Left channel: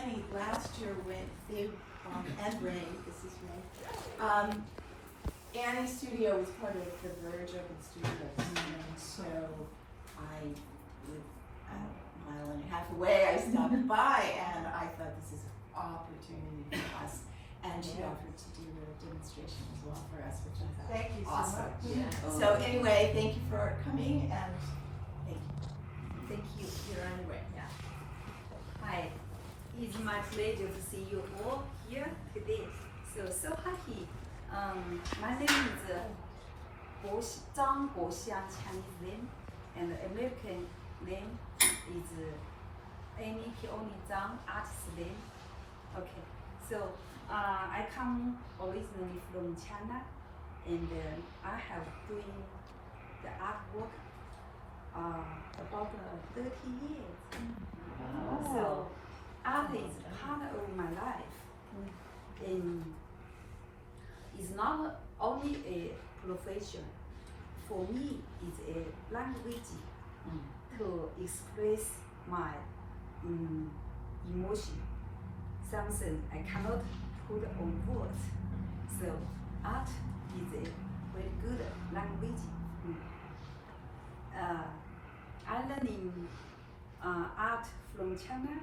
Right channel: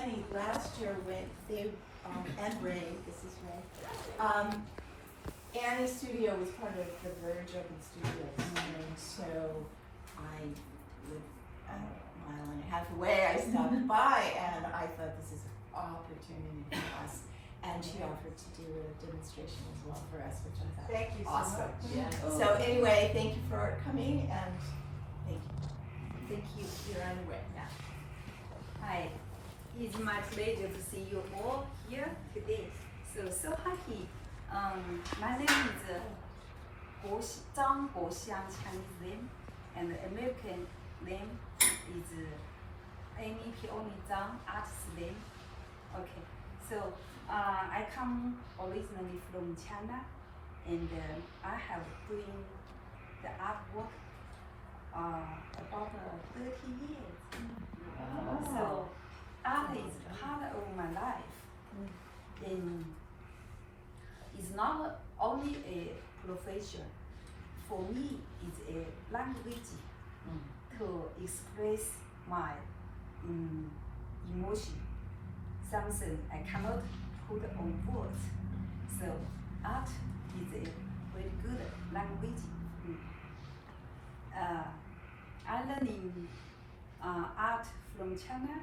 Annie, last year when they, and Ray, this is Ray, Annie's studio was part of the Verge Open Studios, and so I live a mile and a half away, I stopped by, and I thought this is an opportunity for us. And she offered to do a demonstration as well for us, which I thought Thank you so awesome. much. Yeah. So anyway, thank you for coming, and thank you. You're on your way now. Hi, it's my pleasure to see you all here today. So happy. My name is Zhang Guoxiang, Chinese name, and the American name is Annie Peony Zhang, artist name. Okay, so I come originally from China, and I have doing the artwork about 30 years. So art is part of my life, and it's not only a profession. For me, it's a language to express my emotion, something I cannot put on words. So art is a very good language. I learning art from China.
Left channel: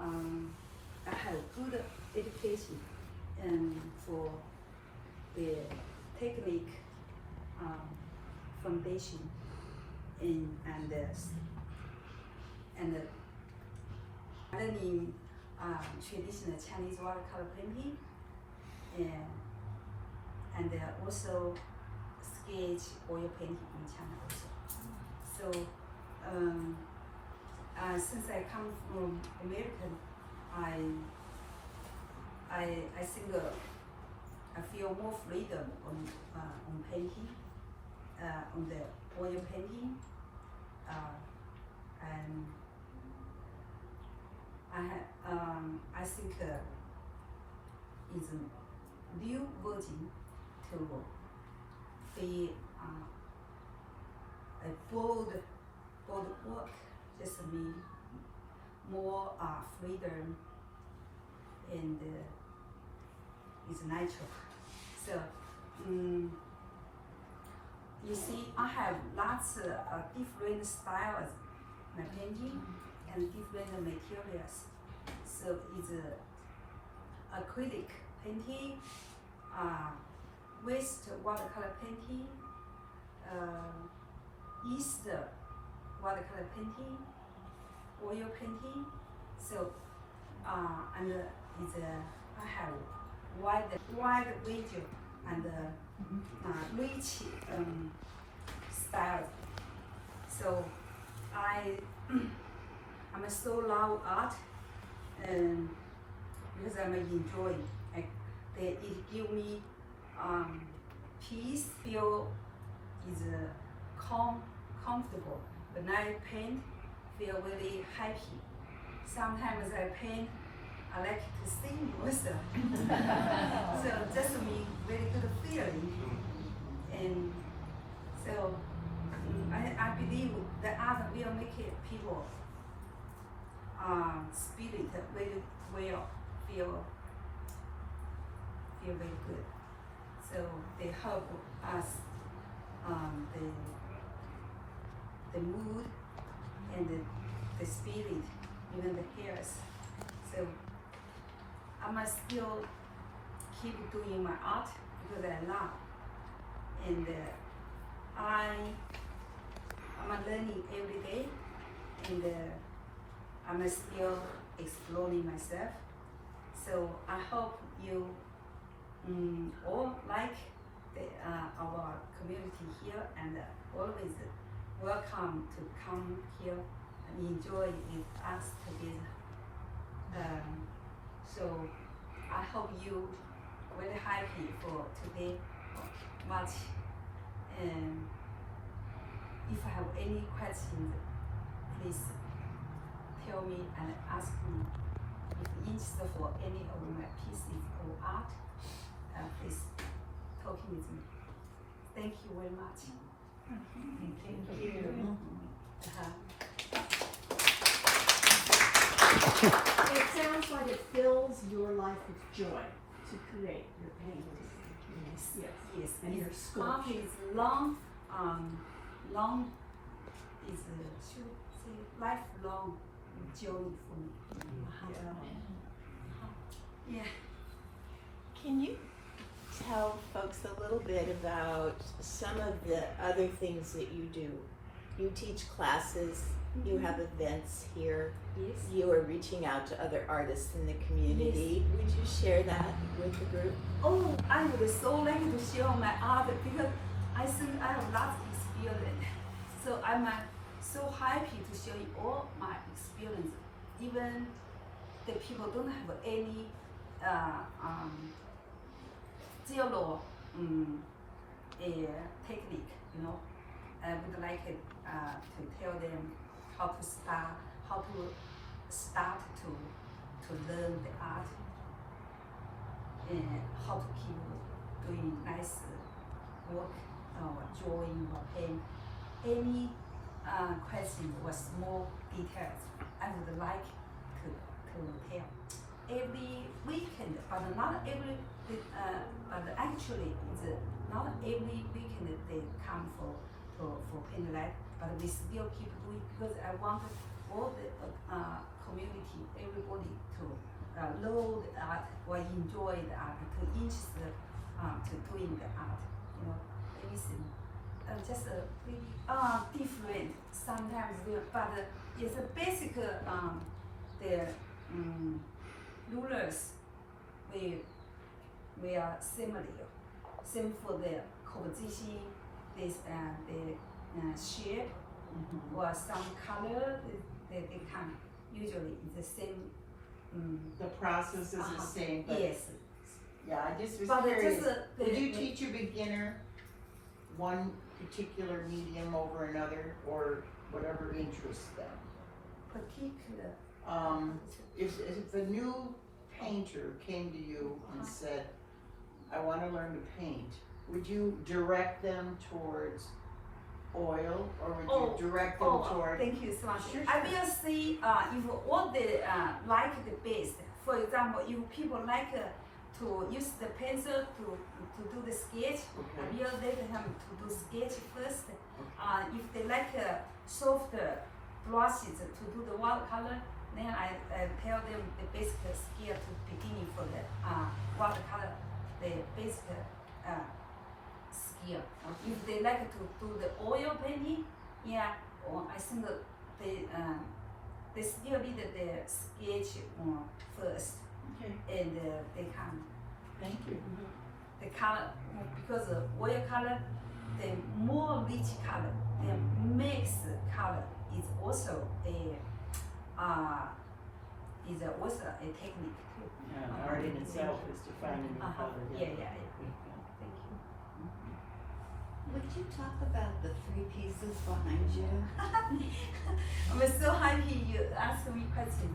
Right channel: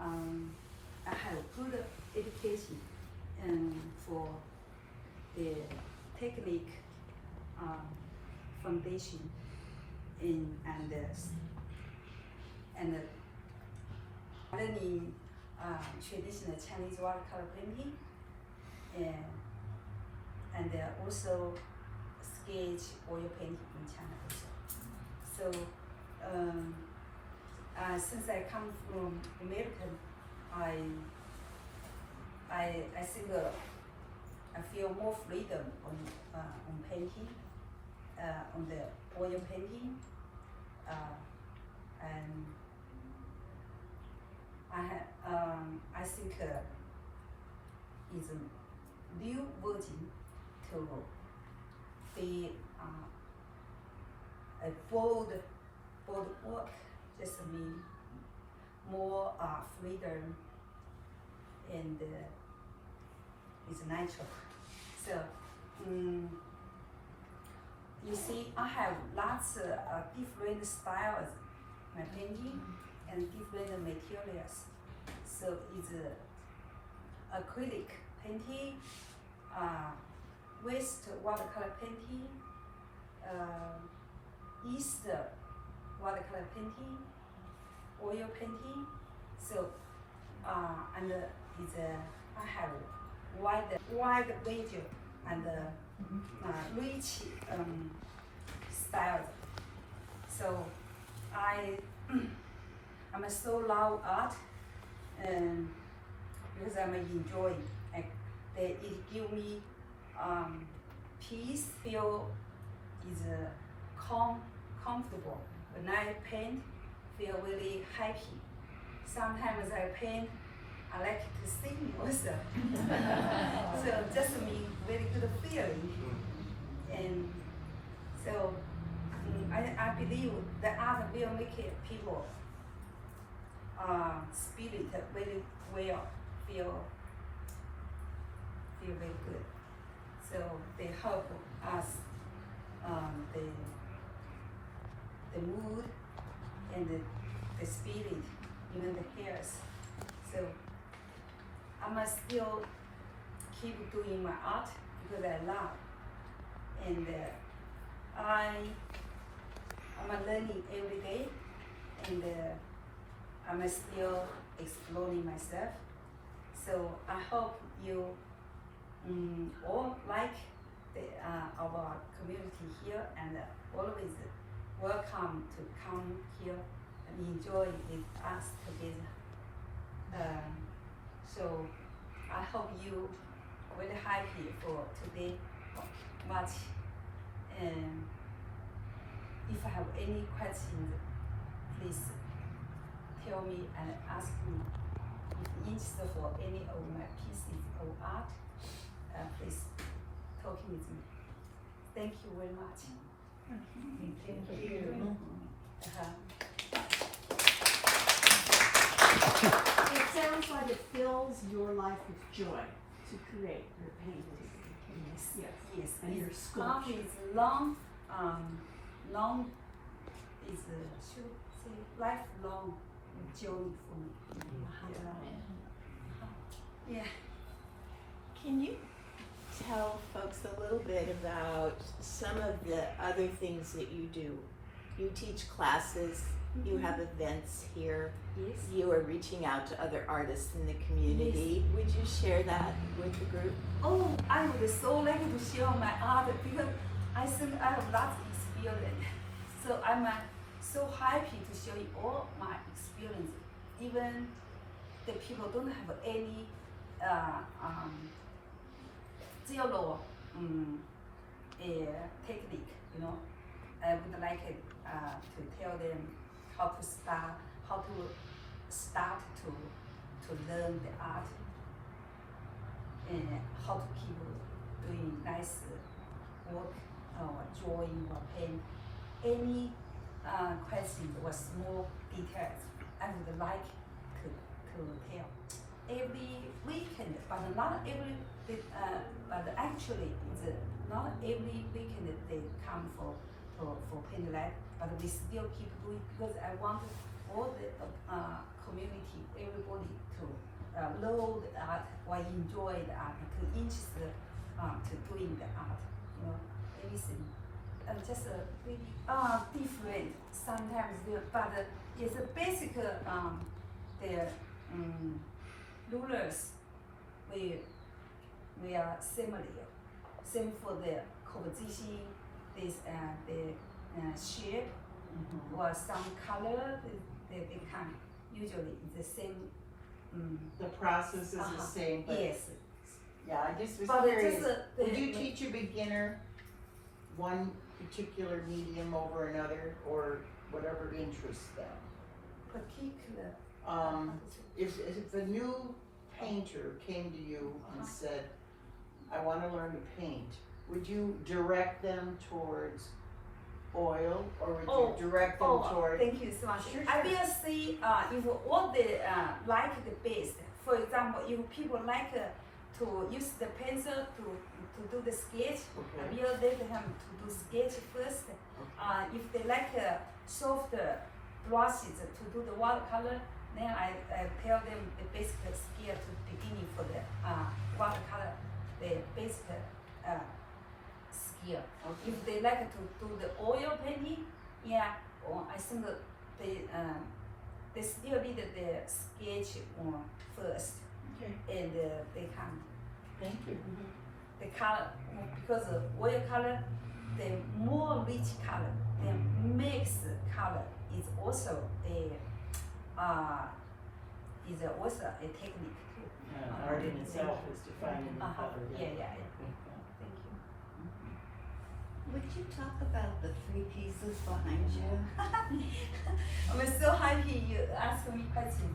I have good education for the technique foundation and learning traditional Chinese watercolor painting and also sketch oil painting in China also. So since I come from America, I think I feel more freedom on painting, on the oil painting, and I think it's a new version to be a bold work. Just mean more freedom and it's natural. So you see, I have lots of different styles my painting and different materials. So it's acrylic painting, west watercolor painting, east watercolor painting, oil painting. So and it's I have wide range and rich style. So I'm so love art, because I'm enjoying. It give me peace. Feel is comfortable. When I paint, feel really happy. Sometimes I paint, I like to sing also. So just me really good feeling. And so I believe the art will make people spirit very well, feel very good. So they help us the mood and the spirit, even the hairs. So I must still keep doing my art because I love, and I'm learning every day, and I'm still exploring myself. So I hope you all like our community here, and always welcome to come here and enjoy with us together. So I hope you very happy for today watch, and if I have any questions, please tell me and ask me. If you're interested for any of my pieces of art, please talk with me. Thank you very much. Thank you. Uh-huh. It sounds like fills your life with joy to create your paintings. Yes. Yes, And your art sculpture. is long is should say lifelong journey for me. Yeah. Can you tell folks a little bit about some of the other things that you do? You teach classes, you have events here, Yes. you are reaching out to other artists in the community. Would you share that with the group? Oh, I would so like to share my art because I think I have lots of experience. So I'm so happy to show you all my experience. Even the people don't have any zero technique, you know. I would like to tell them how to start to learn the art and how to keep doing nice work or drawing or paint. Any question or small details I would like to tell. Every weekend, but not every, but actually it's not every weekend they come for paint lab, but we still keep doing because I want all the community, everybody to know the art or enjoy the art, to interest to doing the art, you know, everything. Just really different sometimes, but it's a basic the rulers we are similar. Same for the composition, this the shape or some color they can usually the same. The process is the same, but Yes. yeah, I just was But curious. just, Would you teach a beginner one particular medium over another, or whatever interests them? particular? If a new painter came to you and said, I want to learn to paint, would you direct them towards oil, or would you direct them towards? Thank you so much. Sure, I sure. will see if all the like the best. For example, if people like to use the pencil to do the sketch, Okay. I will let them to do sketch first. If they like soft brushes to do the watercolor, then I tell them the basic skill to beginning for the watercolor, the basic skill. Okay. If they like to do the oil painting, yeah, I think that they still need the sketch first, Okay, and they can thank you. the color because oil color, the more rich color, the mixed color is also a technique. Yeah, art in itself is defining the color. Yeah. Thank Would you talk about the three pieces behind you? you. We're so happy you asked me question.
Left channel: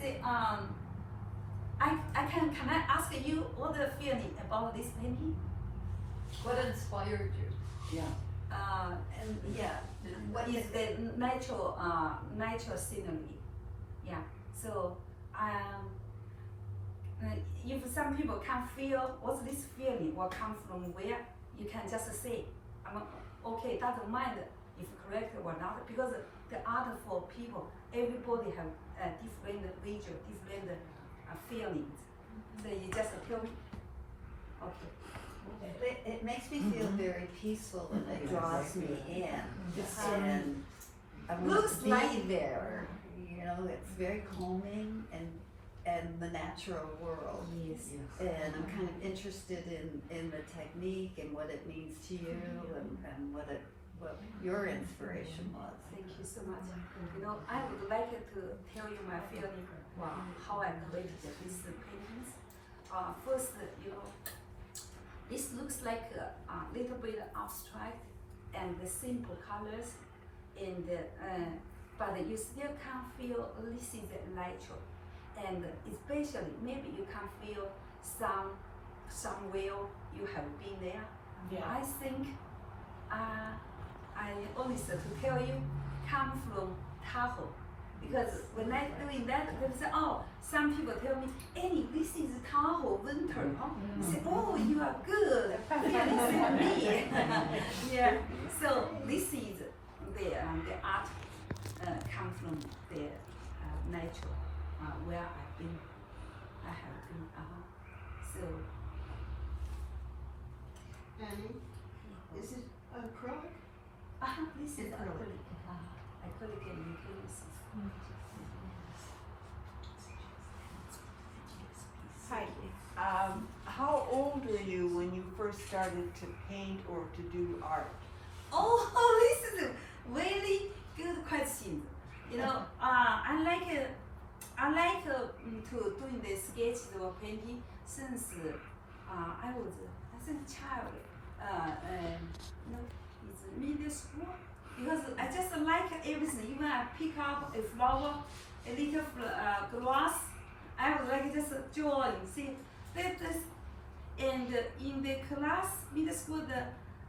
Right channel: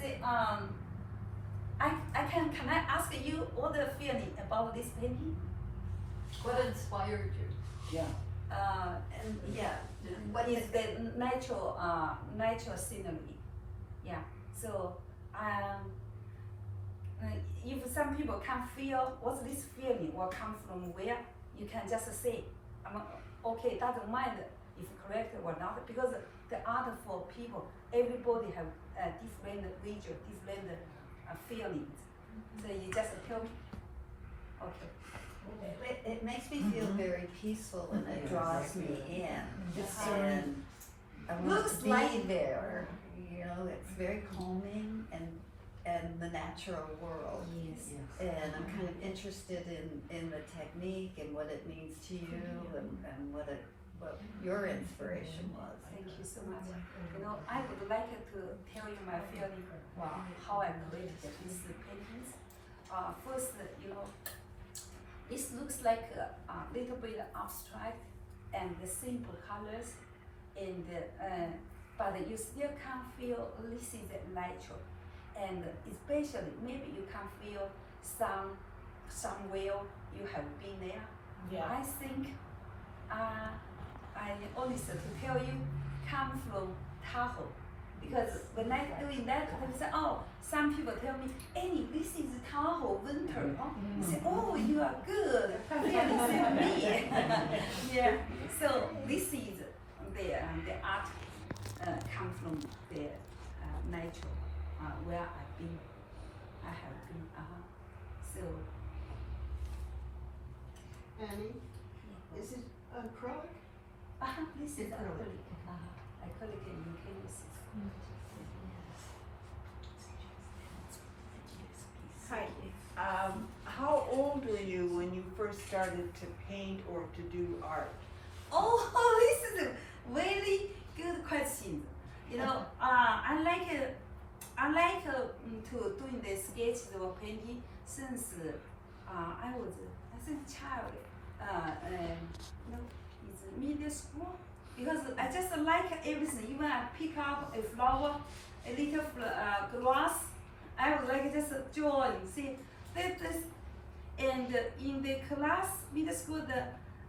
See, can I ask you all the feeling about this painting? What inspired you? Yeah, And yeah, What is the natural scenery? Yeah. So if some people can feel what's this feeling or come from where, you can just say, okay, doesn't mind if correct or not, because the art for people, everybody have a different visual, different feelings. So you just tell me, okay. it makes me feel very peaceful and it draws me in. And I want Looks to be like- there. You know, it's very calming and the natural world. Yes. And I'm kind of interested in the technique and what it means to you and what your inspiration was. Thank you so much. You know, I would like to tell you my feeling how I created these paintings. First, you know, this looks like a little bit abstract and the simple colors, and but you still can feel this is natural, and especially maybe you can feel somewhere you have been there. yeah. I think I honestly to tell you, come from Tahoe. Because when I doing that, they say, oh, some people tell me, Annie, this is Tahoe winter. Huh? I say, oh, you are good. Yeah, this is me. Yeah. So this is the art come from the natural where I've been. I have been. So. Annie, is it acrylic? This is Acrylic. acrylic and utilities. Hi. How old were you when you first started to paint or to do art? Oh, this is a very good question. You know, I like to doing the sketches or painting since I was as a child. No, it's middle school because I just like everything. Even I pick up a flower, a little grass, I would like just drawing. See, this, and in the class, middle school, the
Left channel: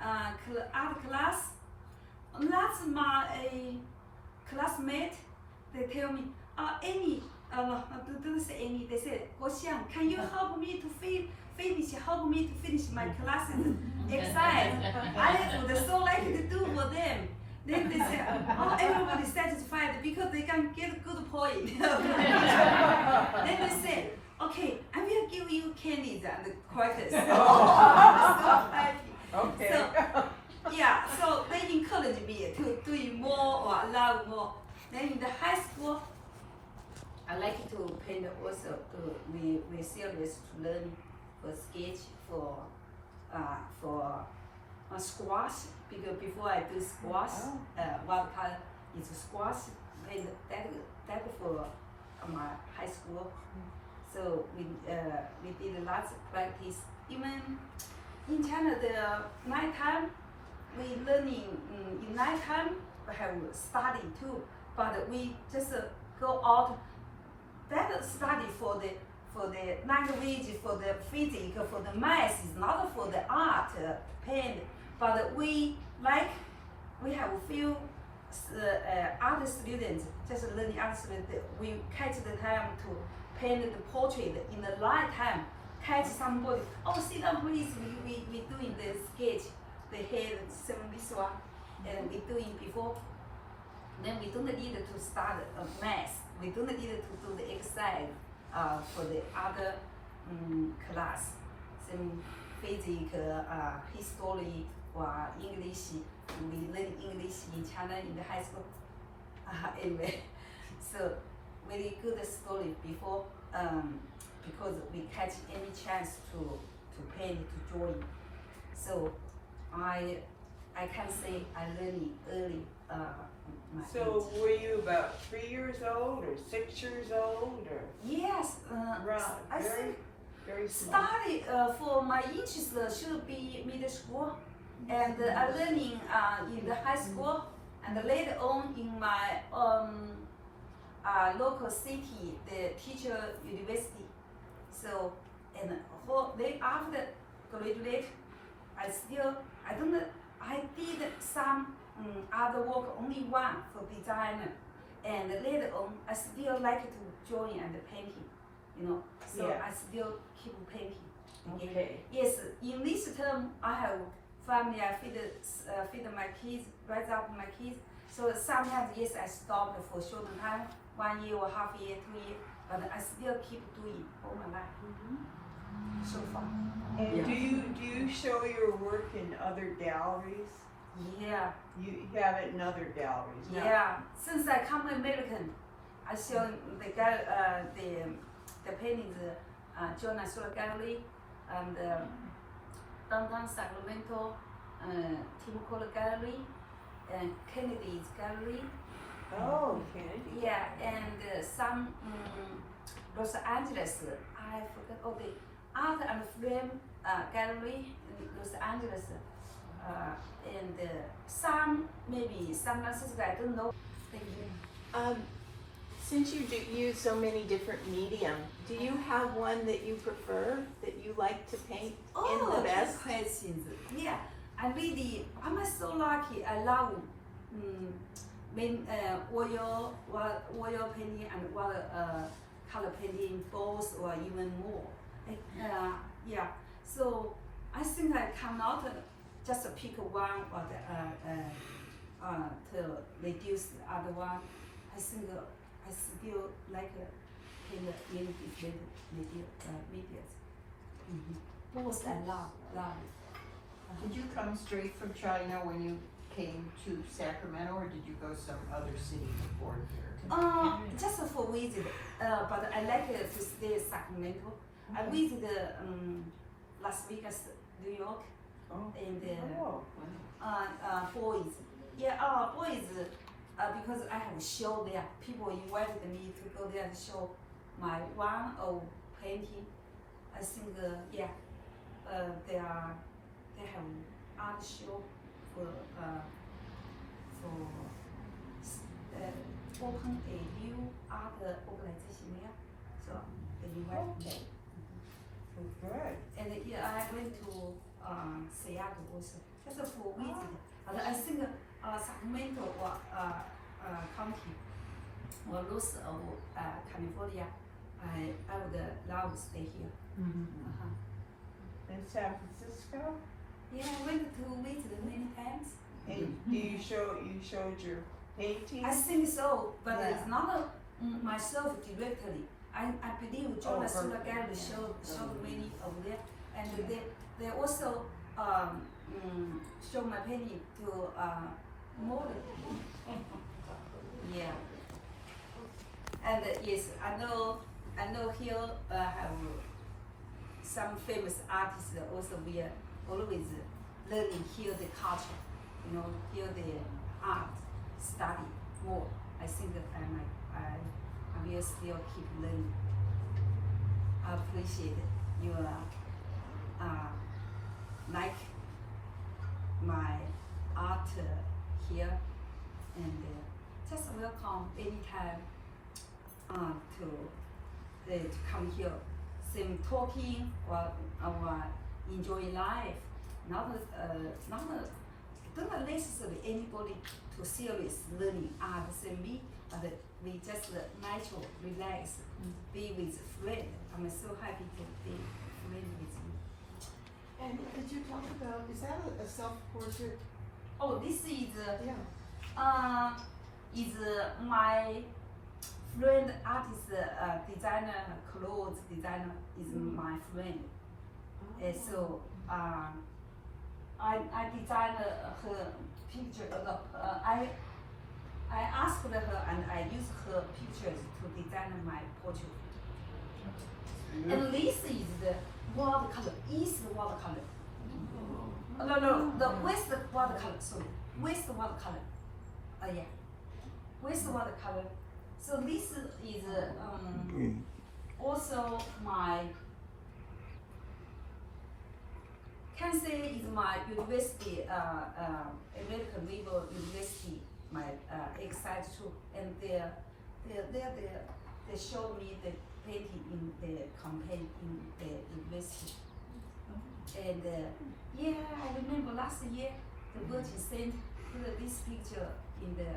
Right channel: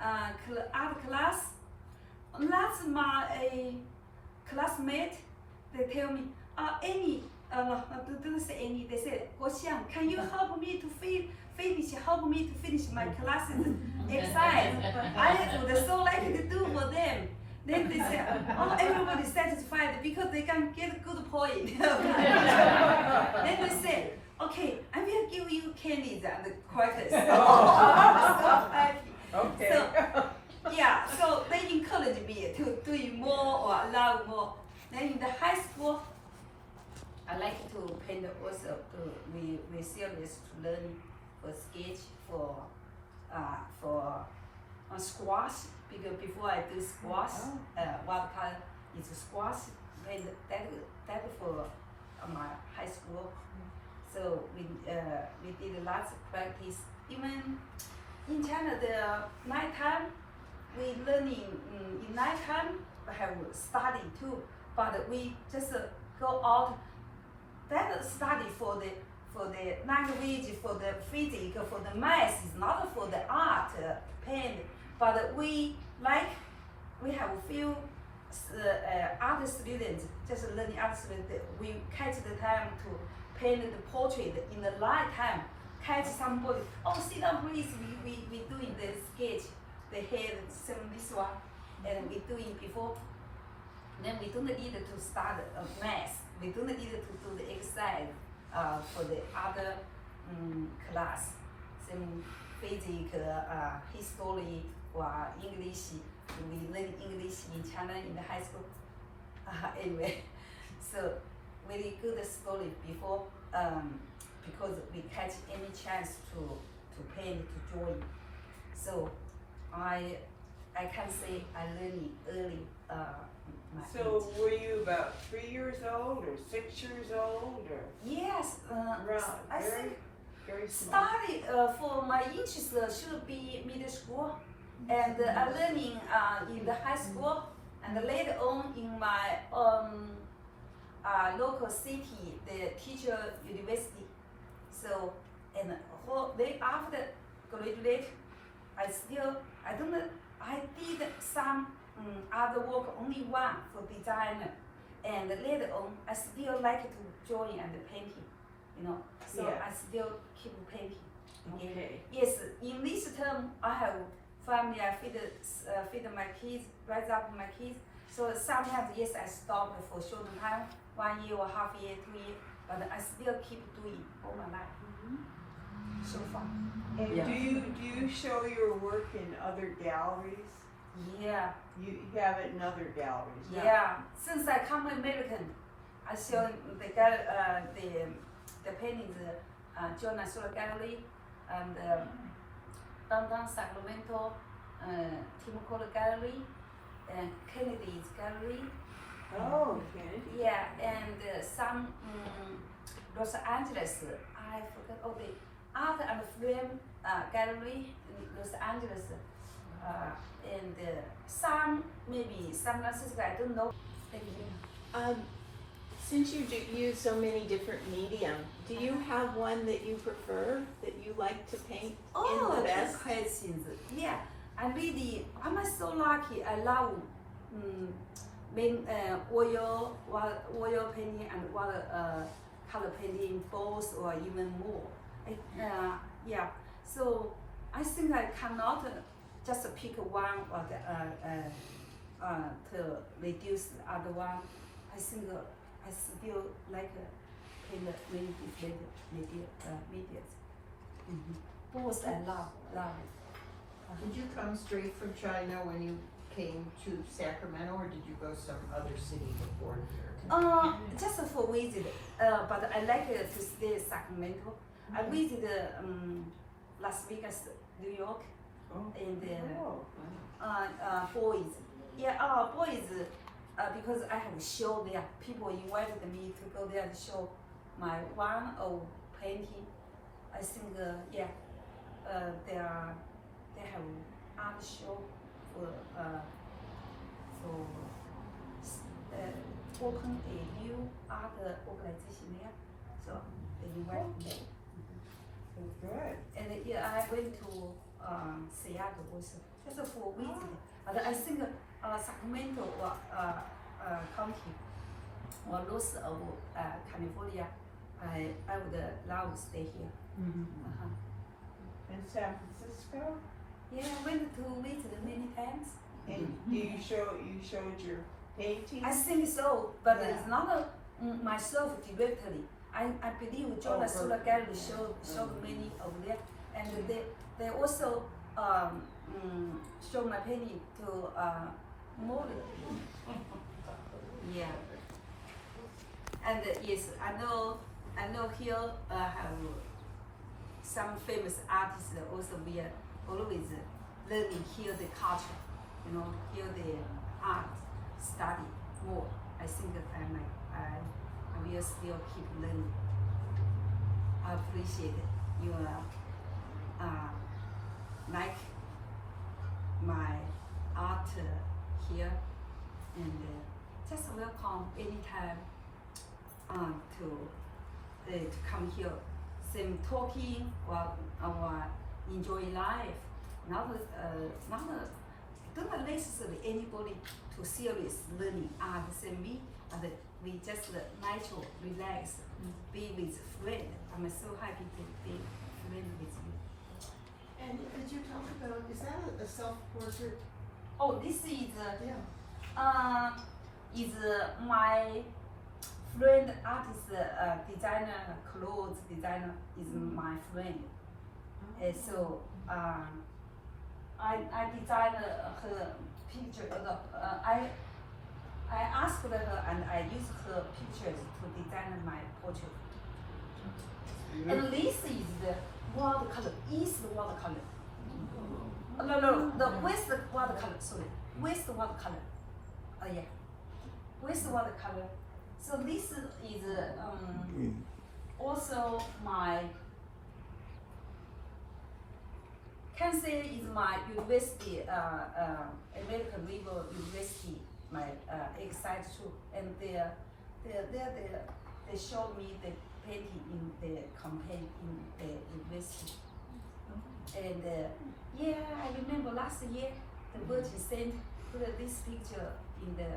art class, that's my classmate. They tell me, Annie, don't say Annie. They said, Xiang, can you help me to finish my classes exercise? I would so like to do for them. Then they say, oh, everybody's satisfied because they can get good point. Then they say, okay, I will give you candies and crackers. So happy. Okay. So, yeah, so they encourage me to do more or love more. Then in the high school, I like to paint also. We serious to learn for sketch for squash, because before I do squash, watercolor is squash. Then that for my high school. So we did lots of practice. Even in China, the nighttime we learning in nighttime. I have study too, but we just go out. That study for the language, for the physics, for the math is not for the art paint. But we have a few art students, just learning art students. We catch the time to paint the portrait in the night time. Catch somebody. Oh, sit down, please. We doing the sketch. The hair this one, and we doing before. Then we don't need to start math. We don't need to do the exercise for the other class. So physics, history, or English. We learn English in China in the high school. Anyway, so very good story before because we catch any chance to paint, to drawing. So I can say I learned early. So were you about 3 years old or 6 years old or? Yes, I think Very small. started for my interest should be middle school, and I learning in the high school, and later on in my local city, the teacher university. So and then after graduate, I did some other work, only one for designer, and later on I still like to drawing and painting, you know. So Yeah. I still keep painting. Okay. Yes, in this term I have family. I feed my kids, raise up my kids. So sometimes yes, I stop for short time, 1 year or half year, 2 years, but I still keep doing all my life. So far. And Yeah. do you show your work in other galleries? Yeah. You have it in other galleries. Now, Yeah, since I come American, I show the guy the paintings, John National Gallery and downtown Sacramento, Tim Cole Gallery, and Kennedy's Gallery. Oh, okay. Yeah, and some Los Angeles. I forgot. Oh, the Art and Film Gallery in Los Angeles. And some maybe San Francisco, I don't know. Since you use so many different medium, do you have one that you prefer, that you like to paint in the best? Good questions. Yeah, I'm so lucky. I love oil painting and water color painting both or even more. Yeah. So I think I cannot just pick one or to reduce the other one. I think I still like paint many different medias. Both I love it. Did you come straight from China when you came to Sacramento, or did you go some other city before here? Just for visit, but I like to stay in Sacramento. I visited Las Vegas, New York, and boys. Yeah, boys, because I have a show there. People invited me to go there and show my one of painting. I think, they have art show for open a new art organization there. So they invited me. Good. And yeah, I went to Seattle also, just for visit. But I think Sacramento County or Los of California, I would love to stay here. In San Francisco? Yeah, I went to visit many times. And you showed your painting? I think so, but Yeah. it's not myself directly. I believe John Solar Gallery showed many of them, and they also show my painting to model. Yeah. And yes, I know here have some famous artists also we are always learning here the culture, here the art study more. I think that I will still keep learning. I appreciate your like my art here, and just welcome anytime to come here, same talking or enjoy life. Not don't necessarily anybody to serious learning art than me, but we just natural, relax, be with friend. I'm so happy to be friend with you. And could you talk about, is that a self-portrait? Oh, this is Yeah. my friend artist, designer, clothes designer is my friend. So I designed her picture. I asked her and I used her pictures to design my portrait. And this is the watercolor, east watercolor. No, the west watercolor, sorry. West watercolor. Yeah. West watercolor. So this is also my, can say is my university, American River University, my excited too. And they showed me the painting in the campaign in the university. And yeah, I remember last year the Virgin sent this picture in the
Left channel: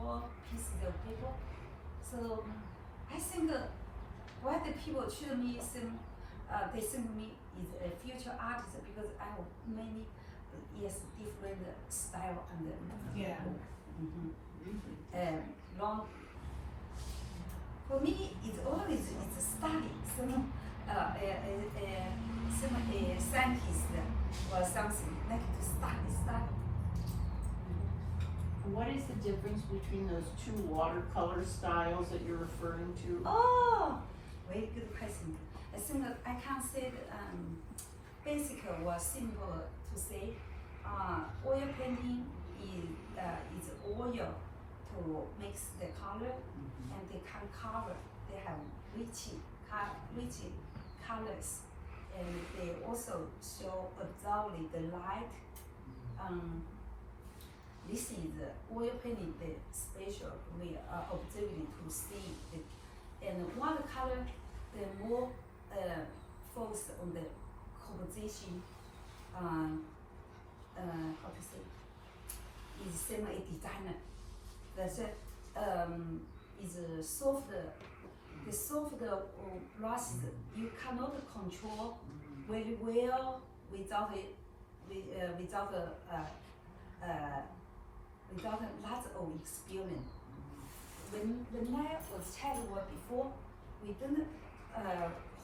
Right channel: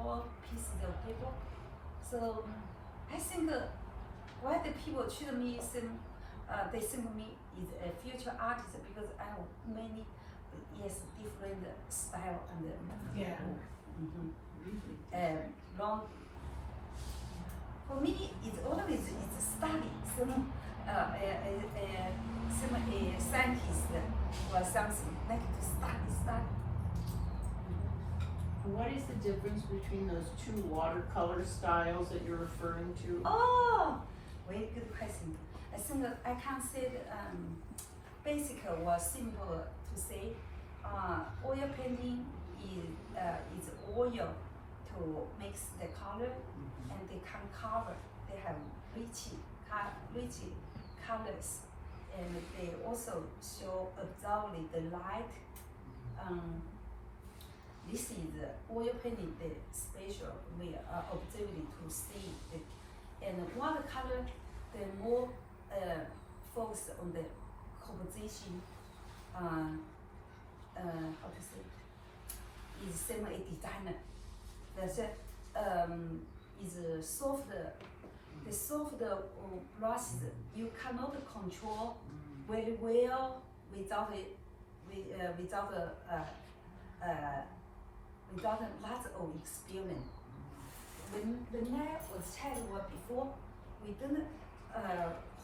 all pieces of paper. So I think why the people treat me they think me is a future artist because I have many different style and long. For me, it's always it's a study. Some scientist or something like to study. What is the difference between those two watercolor styles that you're referring to? Oh, very good question. I think that I can say that basic or simple to say. Oil painting is oil to mix the color, and they can cover. They have rich colors, and they also show absorb the light. This is oil painting, the special we are observing to see it. And watercolor, the more focus on the composition. How to say? Is same a designer. that's it. Is soft. The soft brush you cannot control very well without it, without lots of experience. When I was child before, we didn't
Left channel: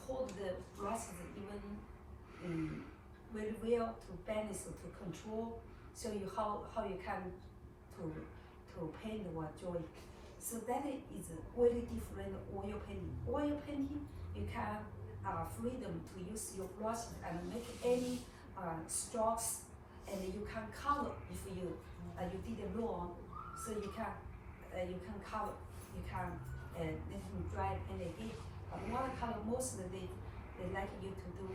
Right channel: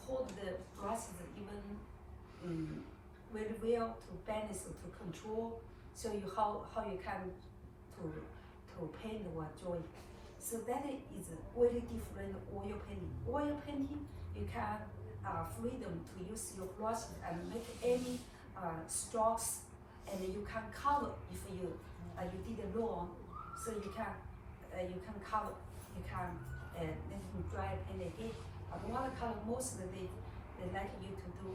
hold the brushes even very well to balance to control. So you how you can to paint or draw. So that is very different oil painting. Oil painting you can freedom to use your brush and make any strokes, and you can color if you did it wrong. So you can color, you can let them dry and again. But watercolor mostly they like you to do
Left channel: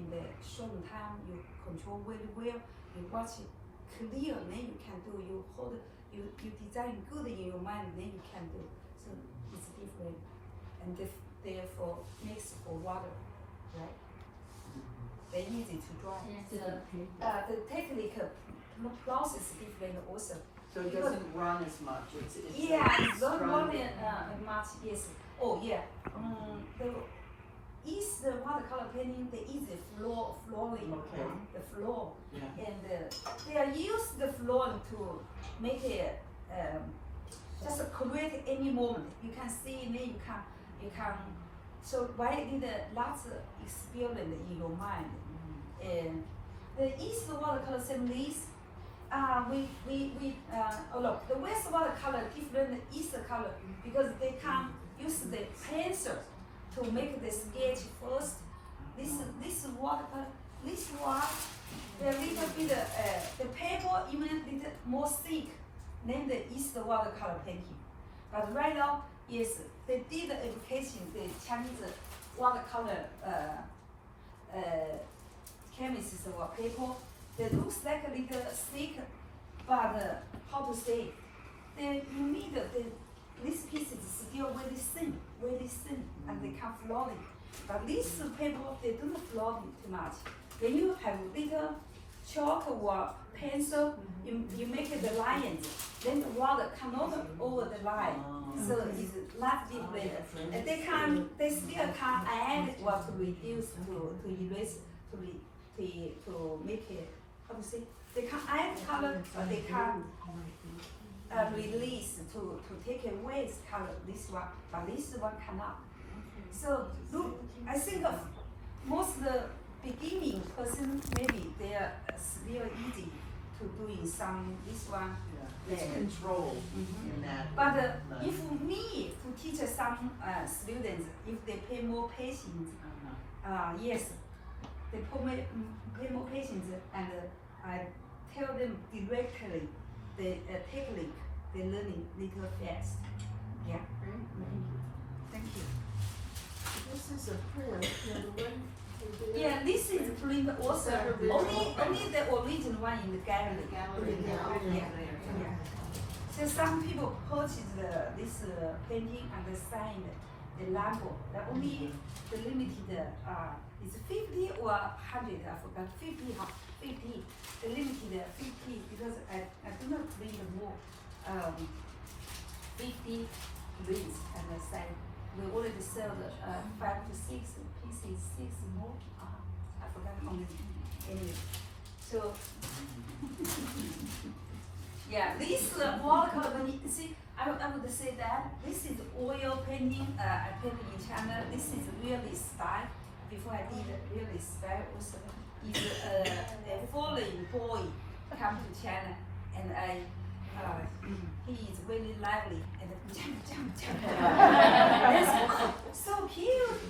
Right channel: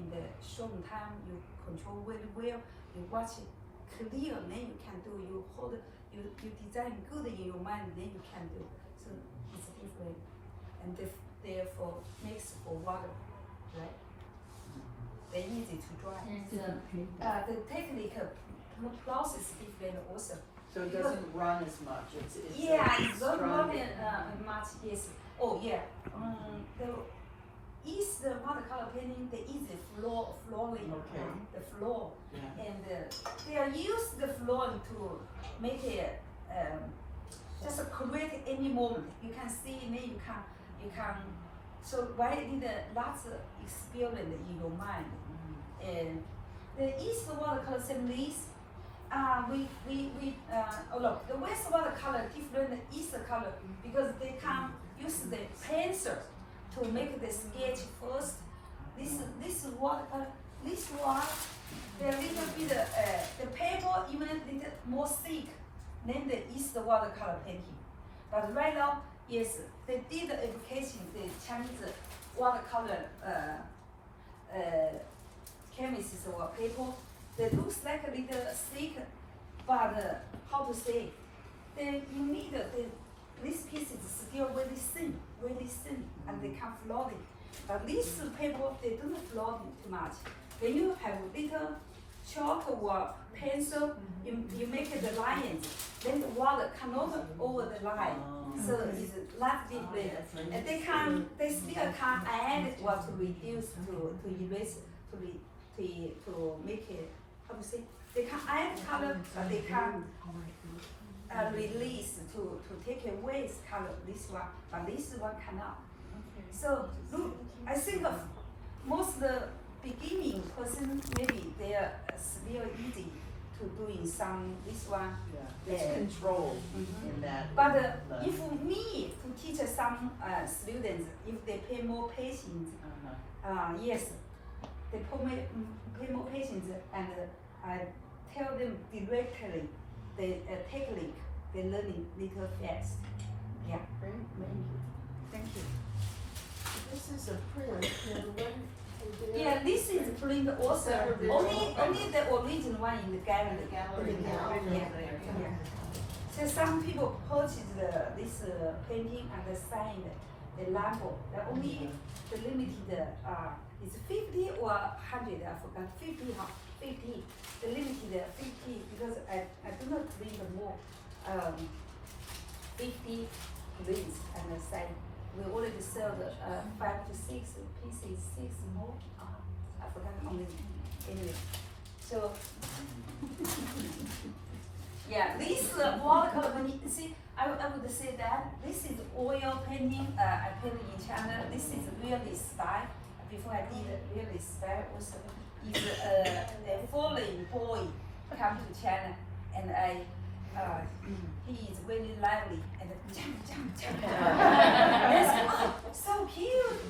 in the short time. You control very well. You watch it clear, then you can do. You hold. You design good in your mind, then you can do. So it's different, and therefore makes for water, right? They're easy to draw. The technique process is different also. So it doesn't run as much. It's it's not running much. Yes. Oh yeah. The watercolor painting, they use the flooring, the floor, and they are use the flooring to make it just create any moment. You can see, and then you can. So why need lots of experience in your mind? And the East watercolor series, look, the West watercolor different than East color because they can use the pencil to make the sketch first. This watercolor, this one, the little bit the paper even a little more thick than the East watercolor painting. But right now, yes, they did the education, the Chinese watercolor chemists or paper. They looks like a little thick, but how to say? You need this piece is still very thin, and they can float it. But this paper, they don't float it too much. When you have little chalk or pencil, you make the lines, then the water cannot over the line. So it's not different. And they still can add or to reduce, to erase, to make it, how to say? They can add color, or they can release to take away color, this one, but this one cannot. So look, I think most the beginning person, maybe they are still easy to doing some, this one. It's control in that. But if me to teach some students, if they pay more patience, yes, they pay more patience, and I tell them directly the technique they learning little fast. Yeah. Thank you. This is a print, Yeah, this is print also. Only the original one in the gallery. Yeah. So some people purchase this painting and sign the label. The only the limited is 50 or 100. I forgot 50. 50. The limited 50 because I do not print more. 50 prints and sign. We already sold 5 to 6 pieces, 6 more. I forgot anyway. So yeah, this watercolor painting. See, I would say that this is oil painting. I painted in China. This is really style. Before I did really style also. Is a foreign boy come to China, and he is very lively and jump. So cute.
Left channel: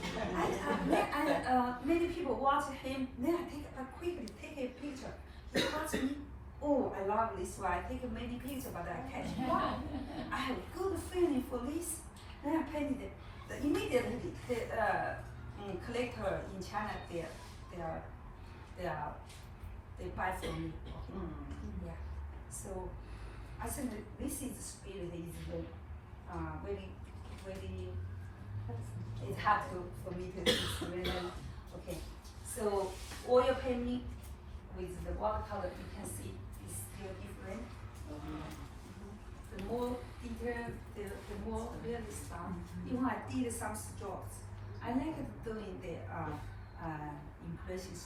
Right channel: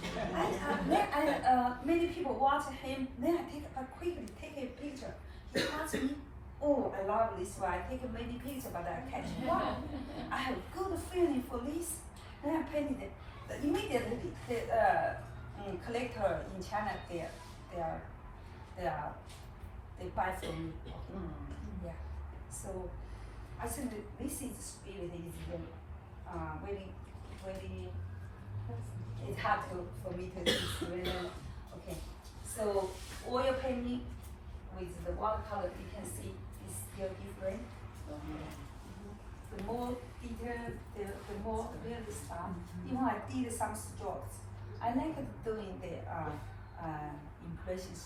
Many people watch him. Then I quickly take a picture. He asks me, "Oh, I love this one. I take many pictures, but I catch wow. I have good feeling for this." Then I painted it. Immediately, the collector in China, they buy from me. Yeah. So I think this is really it's hard for me to explain. Okay. So oil painting with the watercolor, you can see is still different. the more detailed, the more realism. Even I did some strokes. I like doing the impressions